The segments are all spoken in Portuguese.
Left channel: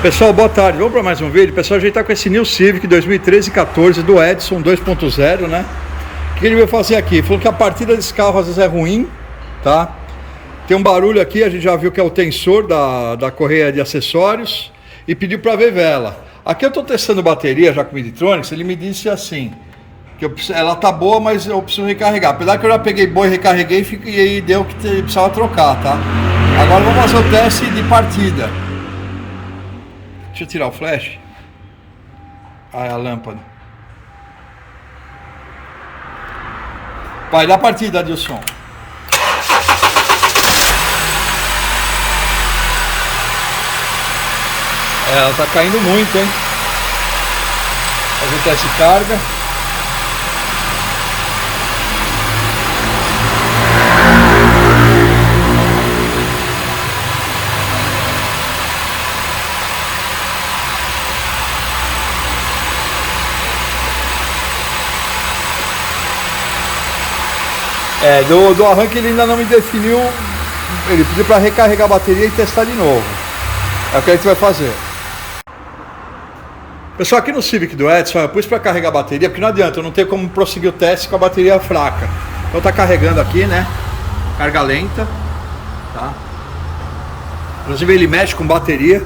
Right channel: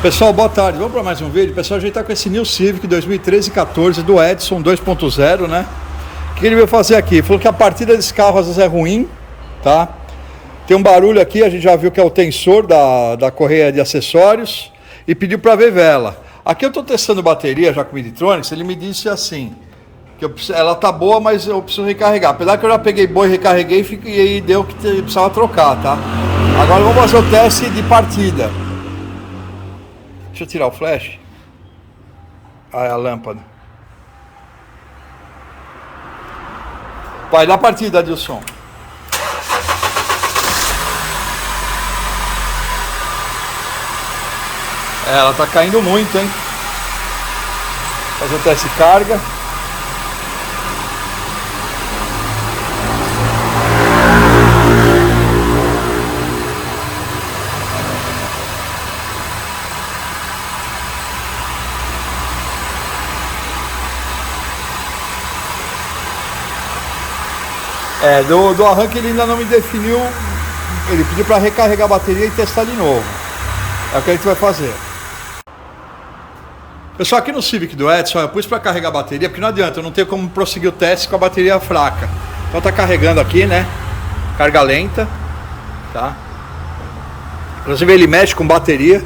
Pessoal, boa tarde. Vamos para mais um vídeo. Pessoal, a gente está com esse New Civic 2013 e 14 do Edson 2.0, né? O que ele veio fazer aqui? Falou que a partida desse carro às vezes é ruim, tá? Tem um barulho aqui, a gente já viu que é o tensor da correia de acessórios e pediu para ver vela. Aqui eu estou testando bateria já com o Midtronics, ele me disse assim, que ela tá boa, mas eu preciso recarregar. Apesar que eu já peguei boa e recarreguei e aí deu que precisava trocar, tá? Agora vamos fazer o teste de partida. Deixa eu tirar o flash. Ah, a lâmpada. Vai dar partida, Adilson. Ela tá caindo muito, hein? Fazer o teste de carga. Do arranque ele ainda não me definiu. Ele pediu para recarregar a bateria e testar de novo. É o que a gente vai fazer. Pessoal, aqui no Civic do Edson eu pus para carregar a bateria, porque não adianta, eu não tenho como prosseguir o teste com a bateria fraca. Então tá carregando aqui, né? Carga lenta, tá? Inclusive ele mexe com bateria.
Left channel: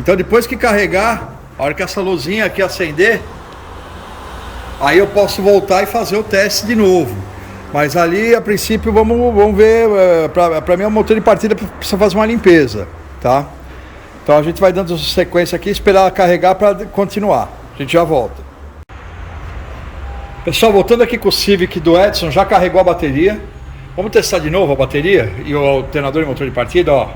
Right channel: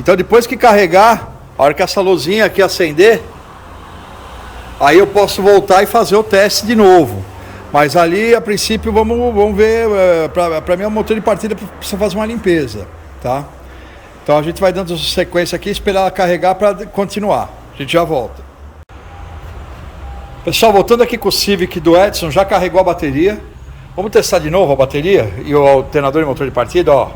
Então depois que carregar, a hora que essa luzinha aqui acender, aí eu posso voltar e fazer o teste de novo. Mas ali, a princípio, vamos ver, para mim o motor de partida precisa fazer uma limpeza, tá? Então a gente vai dando sequência aqui, esperar ela carregar para continuar. A gente já volta. Pessoal, voltando aqui com o Civic do Edson, já carregou a bateria. Vamos testar de novo a bateria e o alternador e motor de partida, ó.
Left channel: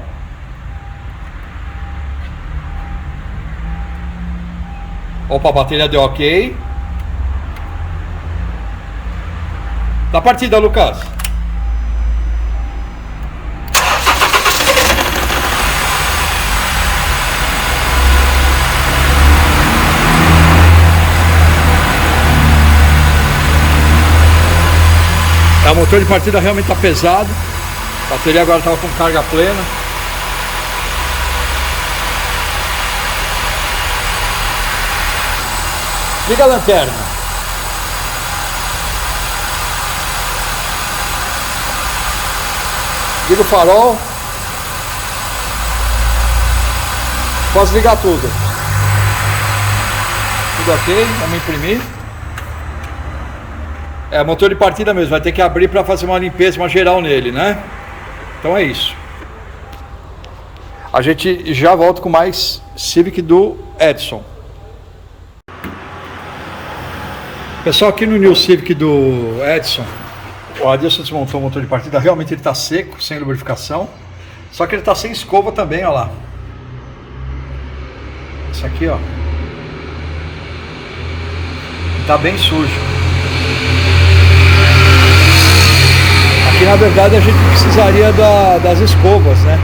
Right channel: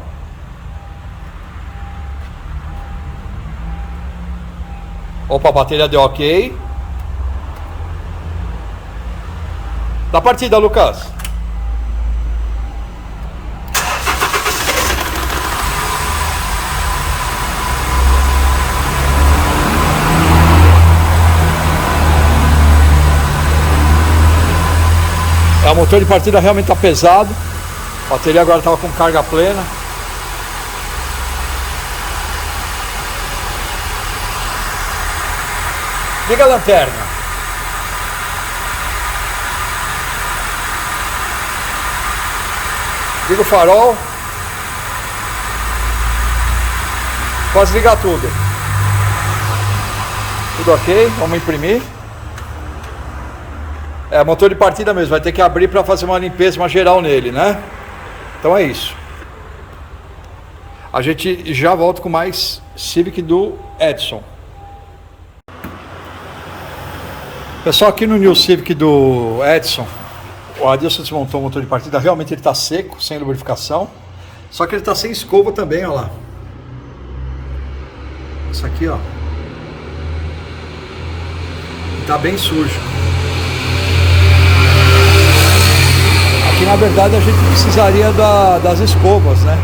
Opa, a bateria deu ok. Da partida, Lucas. O motor de partida realmente está pesado. A bateria agora estava com carga plena. Liga a lanterna. Liga o farol. Posso ligar tudo. Tudo ok, vamos imprimir. É motor de partida mesmo, vai ter que abrir para fazer uma limpeza, uma geral nele, né? Então é isso. A gente já volta com mais Civic do Edson. Pessoal, aqui no New Civic do Edson, o Adilson desmontou o motor de partida, realmente ele está seco, sem lubrificação. Só que ele está sem escova também, ó lá. Isso aqui, ó. Está bem sujo. Aqui na verdade a gente precisaria das escovas, né?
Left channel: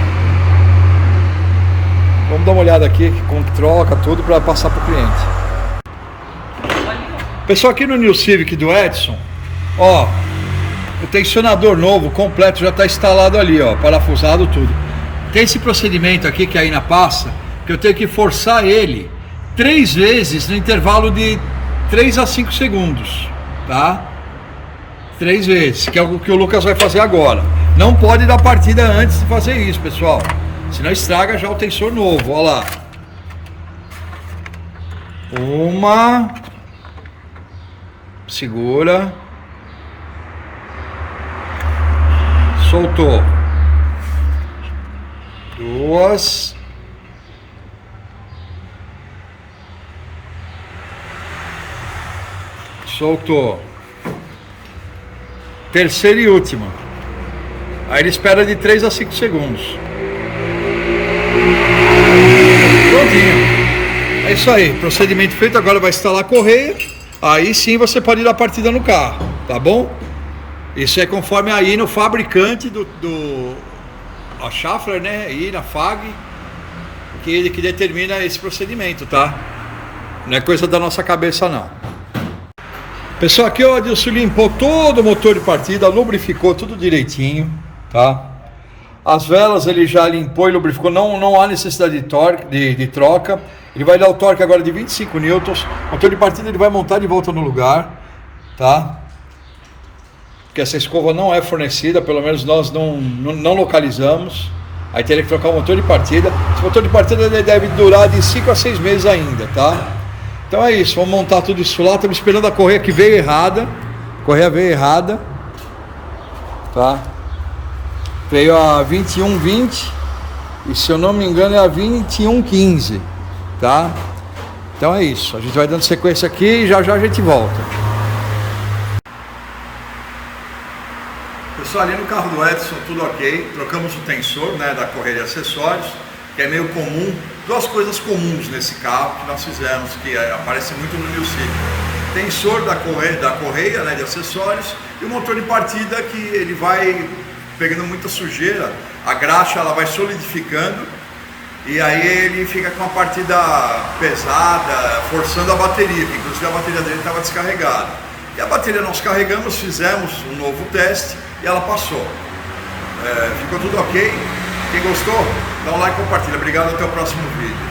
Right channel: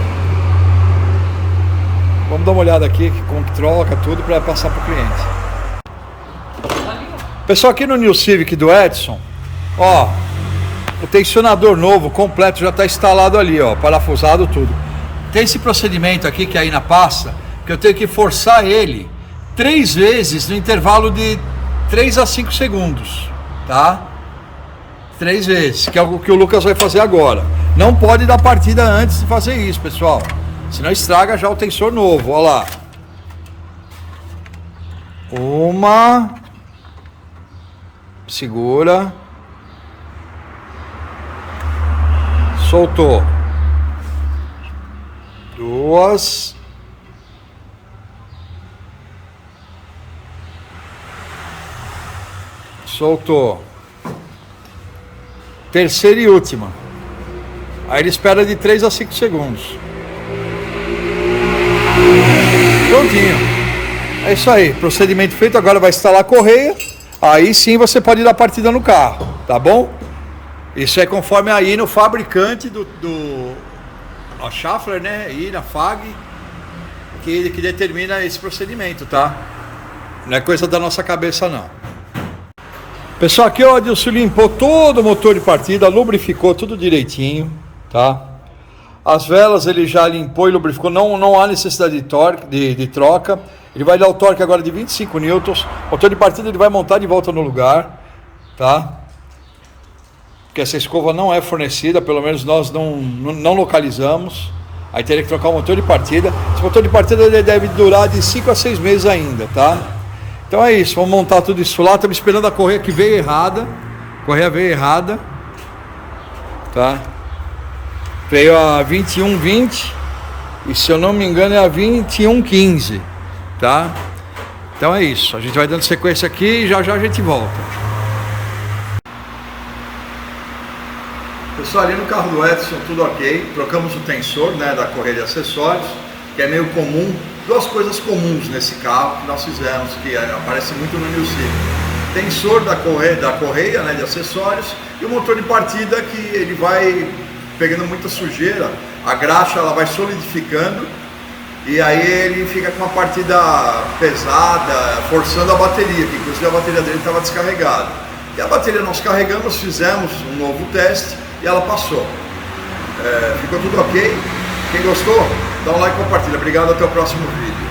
Vamos dar uma olhada aqui, como que troca tudo para passar para o cliente. Pessoal, aqui no New Civic do Edson, ó. O tensionador novo, completo, já está instalado ali, ó, parafusado tudo. Tem esse procedimento aqui que é aí na pasta, que eu tenho que forçar ele 3 vezes no intervalo de 3 a 5 segundos, tá? 3 vezes, que é o que o Lucas vai fazer agora. Não pode dar partida antes de fazer isso, pessoal. Senão estraga já o tensor novo, ó lá. Uma. Segura. Soltou. 2. Soltou. Terceira e última. Aí ele espera de 3 a 5 segundos. Prontinho. É isso aí. Procedimento feito. Agora vai instalar a correia. Aí sim você pode dar partida no carro. Tá bom? Isso é conforme aí no fabricante a Schaeffler, né? E na FAG, que determina esse procedimento, tá? Não é coisa da nossa cabeça, não. Pessoal, aqui o Adilson limpou todo o motor de partida, lubrificou tudo direitinho, tá? As velas ele já limpou e lubrificou, não há necessidade de torque, de troca. Ele vai dar o torque agora de 25 newtons. O motor de partida ele vai montar de volta no lugar, tá? Porque essa escova não é fornecida, pelo menos nós não localizamos. Aí teria que trocar o motor de partida. Esse motor de partida ele deve durar de 5 a 6 meses ainda, tá? Então é isso, vamos montar tudo isso lá. Estamos esperando a correia que veio errada. A correia veio errada, tá? Veio a 2120 e, se eu não me engano, é a 2115, tá? Então é isso, a gente vai dando sequência aqui e já a gente volta. Pessoal, ali no carro do Edson tudo ok, trocamos o tensor, né, da correia de acessórios, que é meio comum, duas coisas comuns nesse carro que nós fizemos, que aparece muito no New Civic. Tensor da correia, né, de acessórios, e o motor de partida, que ele vai pegando muita sujeira, a graxa ela vai solidificando e aí ele fica com uma partida pesada, forçando a bateria, que inclusive a bateria dele estava descarregada. E a bateria nós carregamos, fizemos um novo teste e ela passou. Ficou tudo ok. Quem gostou, dá um like e compartilha. Obrigado, até o próximo vídeo.